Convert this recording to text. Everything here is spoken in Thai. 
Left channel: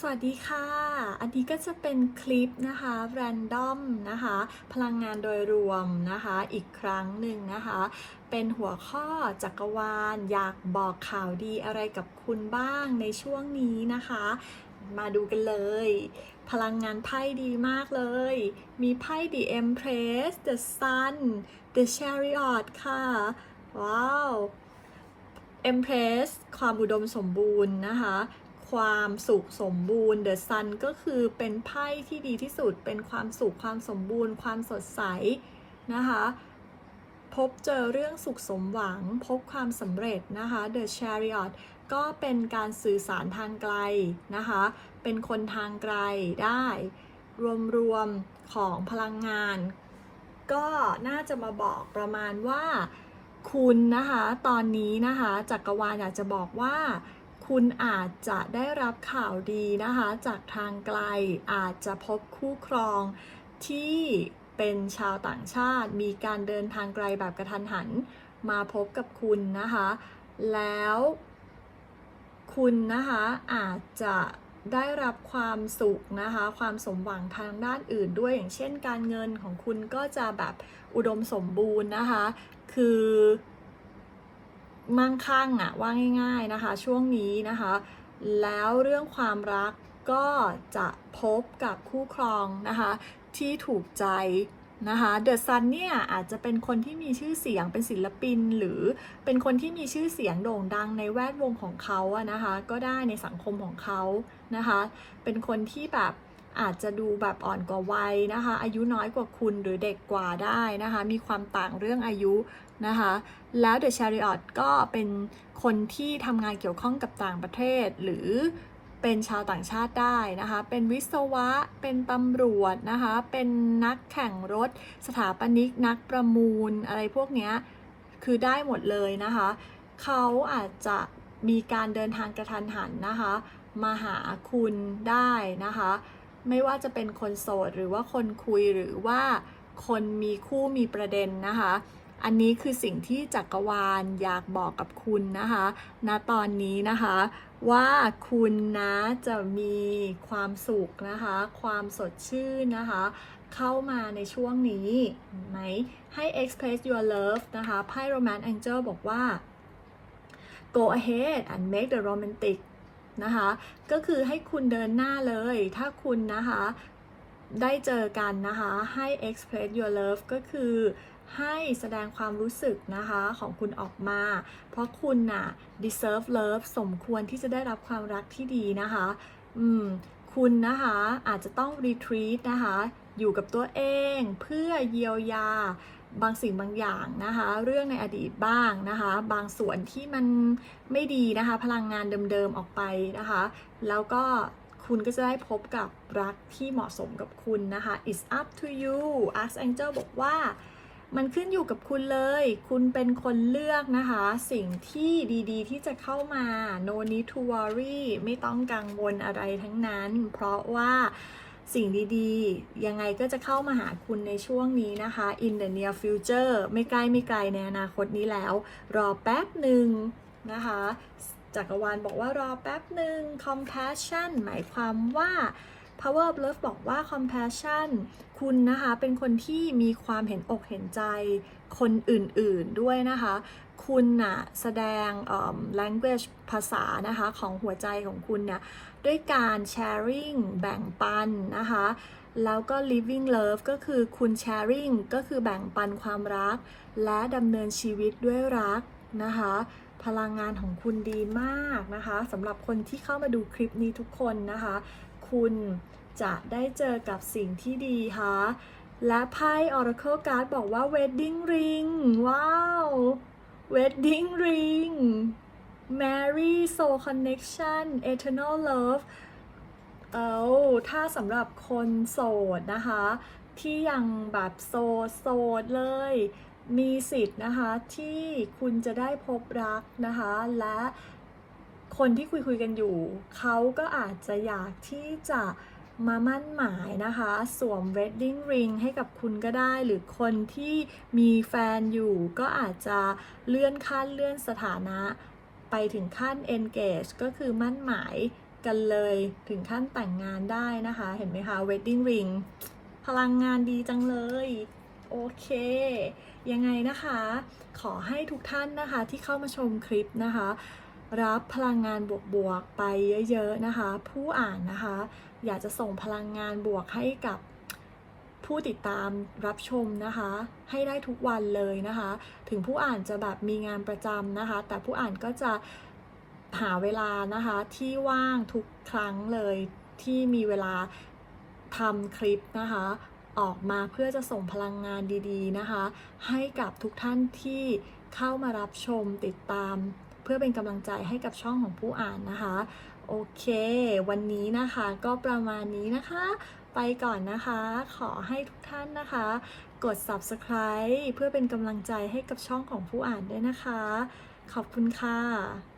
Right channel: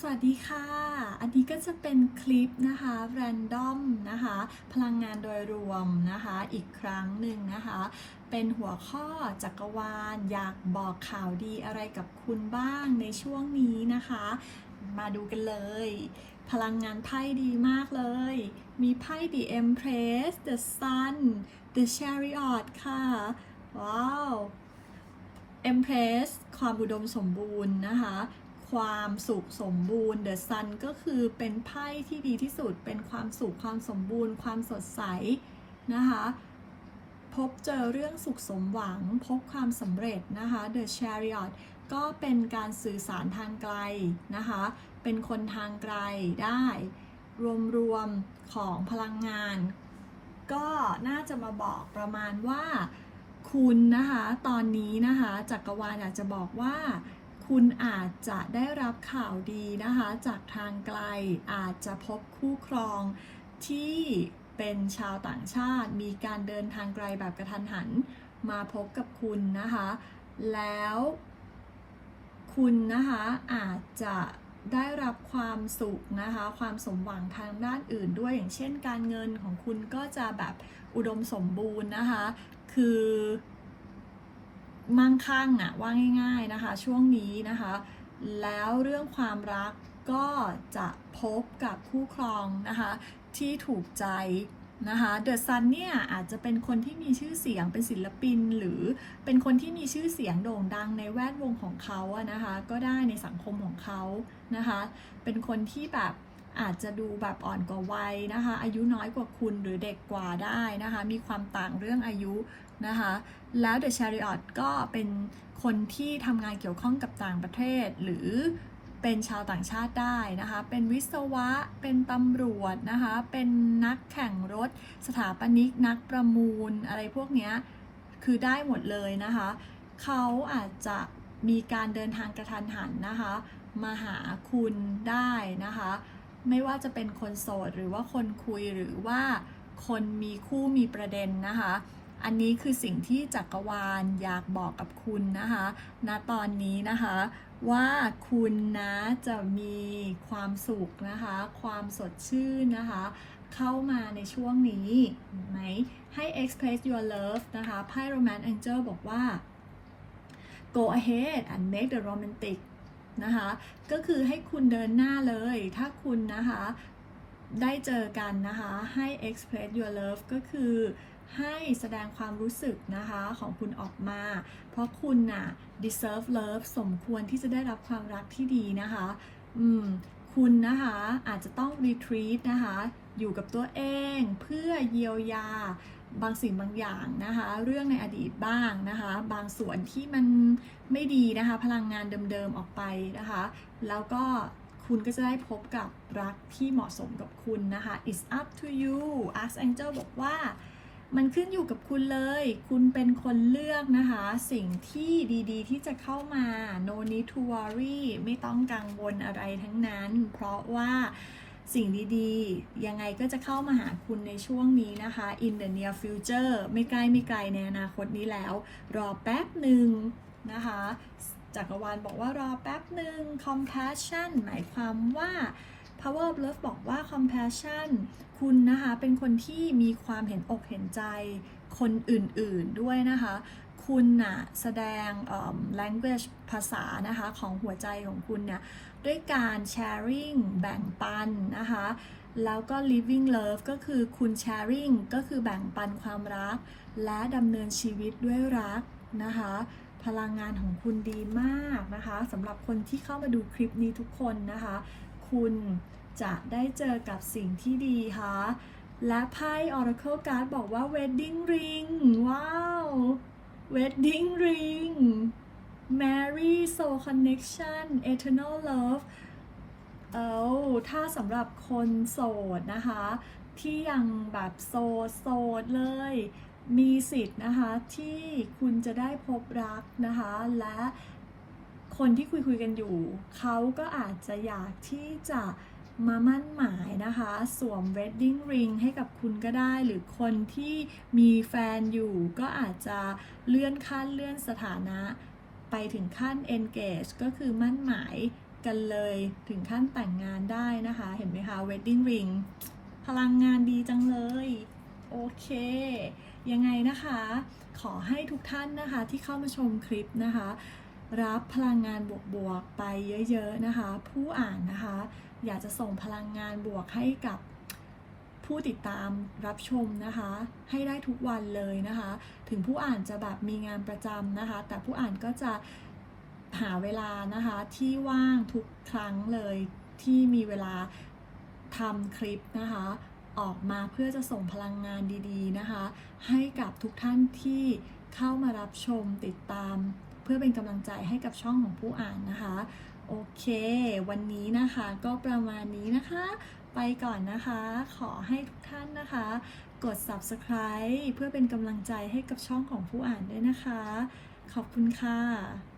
สวัสดีค่ะ อันนี้ก็จะเป็นคลิปนะคะแรนดอมนะคะ พลังงานโดยรวมนะคะ อีกครั้งหนึ่งนะคะ เป็นหัวข้อจักรวาล อยากบอกข่าวดีอะไรกับคุณบ้างในช่วงนี้นะคะ มาดูกันเลย พลังงานไพ่ดีมากเลย มีไพ่ The Empress The Sun The Chariot ค่ะ ว้าว Empress ความอุดมสมบูรณ์นะคะ ความสุขสมบูรณ์ The Sun ก็คือเป็นไพ่ที่ดีที่สุด เป็นความสุขความสมบูรณ์ ความสดใสนะคะ พบเจอเรื่องสุขสมหวัง พบความสำเร็จนะคะ The Chariot ก็เป็นการสื่อสารทางไกลนะคะ เป็นคนทางไกลได้ รวมๆของพลังงาน ก็น่าจะมาบอกประมาณว่าคุณนะคะ ตอนนี้นะคะจักรวาลอยากจะบอกว่า คุณอาจจะได้รับข่าวดีนะคะ จากทางไกลอาจจะพบคู่ครองที่เป็นชาวต่างชาติมีการเดินทางไกลแบบกระทันหันมาพบกับคุณนะคะ แล้วคุณนะคะอาจจะได้รับความสุขนะคะ ความสมหวังทางด้านอื่นด้วยอย่างเช่นการเงินของคุณก็จะแบบอุดมสมบูรณ์นะคะ คือ มั่งคั่งอะว่าง่าย ๆนะคะ ช่วงนี้นะคะ แล้วเรื่องความรักก็จะพบกับคู่ครองนะคะ ที่ถูกใจนะคะเดอะซันเนี่ยอาจจะเป็นคนที่มีชื่อเสียงเป็นศิลปิน หรือเป็นคนที่มีชื่อเสียงโด่งดังในแวดวงของเขาอะนะคะ ก็ได้ในสังคมของเขานะคะ เป็นคนที่แบบ อาจจะดูแบบอ่อนกว่าวัยนะคะ อายุน้อยกว่าคุณหรือเด็กกว่าได้นะคะ มีความต่างเรื่องอายุนะคะ แล้วเดอะชาริออตก็เป็นคนที่ทำงานเกี่ยวข้องกับต่างประเทศ หรือเป็นชาวต่างชาติได้นะคะ เป็นวิศวะ เป็นตำรวจนะคะ เป็นนักแข่งรถ สถาปนิก นักประมูล อะไรพวกนี้คือได้หมดเลยนะคะ เขาอาจจะมีการเดินทางกระทันหันนะคะ มาหาคุณได้นะคะ ไม่ว่าจะเป็นคนโสดหรือว่าคนคุยหรือว่าคนมีคู่มีประเด็นนะคะ อันนี้คือสิ่งที่จักรวาลอยากบอกกับคุณนะคะณตอนนี้นะคะ ว่าคุณนะจะมีความสุขนะคะ ความสดชื่นนะคะ เข้ามาในช่วงนี้ไหมให้ express your love นะคะไพ่ romance angel บอกว่า go ahead and make the romantic นะคะ ก็คือให้คุณเดินหน้าเลย ถ้าคุณนะคะได้เจอกันนะคะให้ express your love ก็คือให้แสดงความรู้สึกนะคะของคุณออกมา เพราะคุณน่ะ deserve love สมควรที่จะได้รับความรักที่ดีนะคะ อืม คุณนะคะอาจจะต้อง retreat นะคะ อยู่กับตัวเองเพื่อเยียวยา บางสิ่งบางอย่างนะคะ เรื่องในอดีตบ้างนะคะ บางส่วนที่มันไม่ดีนะคะ พลังงานเดิมๆออกไปนะคะ แล้วก็คุณก็จะได้พบกับรักที่เหมาะสมกับคุณนะคะ it's up to you Archangel บอกว่ามันขึ้นอยู่กับคุณเลย คุณเป็นคนเลือกนะคะ สิ่งที่ดีๆ ที่จะเข้ามา no need to worry ไม่ต้องกังวลอะไรทั้งนั้น เพราะว่า สิ่งดีๆ ยังไงก็จะเข้ามาหาคุณในช่วงนี้นะคะ in the near future ไม่ใกล้ไม่ไกลในอนาคตนี้แล้ว รอแป๊บหนึ่งนะคะจักรวาลบอกว่ารอแป๊บหนึ่ง compassion หมายความว่า power of love บอกว่า compassion คุณนะคะ เป็นคนที่มีความเห็นอกเห็นใจคนอื่นๆด้วยนะคะ คุณน่ะแสดง language ภาษานะคะของหัวใจของคุณเนี่ยด้วยการ sharing แบ่งปันนะคะแล้วก็ living love ก็คือคุณ sharing ก็คือแบ่งปันความรัก และดำเนินชีวิตด้วยรักนะคะพลังงานของคุณดีมากนะคะสำหรับคนที่เข้ามาดูคลิปนี้ทุกคนนะคะ คุณจะได้เจอกับสิ่งที่ดีค่ะและไพ่ Oracle Card บอกว่า Wedding Ring ว้าว Wedding Ring Marry Soul Connection Eternal Love เอาถ้าสำหรับคนโสดนะคะ ที่ยังแบบโสดโสดเลย มีสิทธิ์นะคะที่คุณจะได้พบรักนะคะ และคนที่คุยคุยกันอยู่ เขาก็อาจจะอยากที่จะ มามั่นหมายนะคะ สวม wedding ring ให้กับคุณก็ได้ หรือคนที่มีแฟนอยู่ ก็อาจจะเลื่อนขั้นเลื่อนสถานะ ไปถึงขั้น engage ก็คือมั่นหมายกันเลยถึงขั้นแต่งงานได้นะคะ เห็นไหมคะ wedding ring พลังงานดีจังเลย โอเค ยังไงนะคะ ขอให้ทุกท่านนะคะที่เข้ามาชมคลิปนะคะ รับพลังงานบวกๆไปเยอะๆนะคะ ผู้อ่านนะคะ อยากจะส่งพลังงานบวกให้กับผู้ติดตามรับชมนะคะ ให้ได้ทุกวันเลยนะคะ ถึงผู้อ่านจะแบบมีงานประจำนะคะ แต่ผู้อ่านก็จะหาเวลานะคะที่ว่างทุกครั้งเลยที่มีเวลาทำคลิปนะคะ ออกมาเพื่อจะส่งพลังงานดีๆนะคะ ให้กับทุกท่านที่เข้ามารับชมติดตาม เพื่อเป็นกำลังใจให้กับช่องของผู้อ่านนะคะ โอเค วันนี้นะคะก็ประมาณนี้นะคะ ไปก่อนนะคะ ขอให้ทุกท่านนะคะ กด subscribe เพื่อเป็นกำลังใจให้กับช่องของผู้อ่านด้วยนะคะ ขอบคุณค่ะ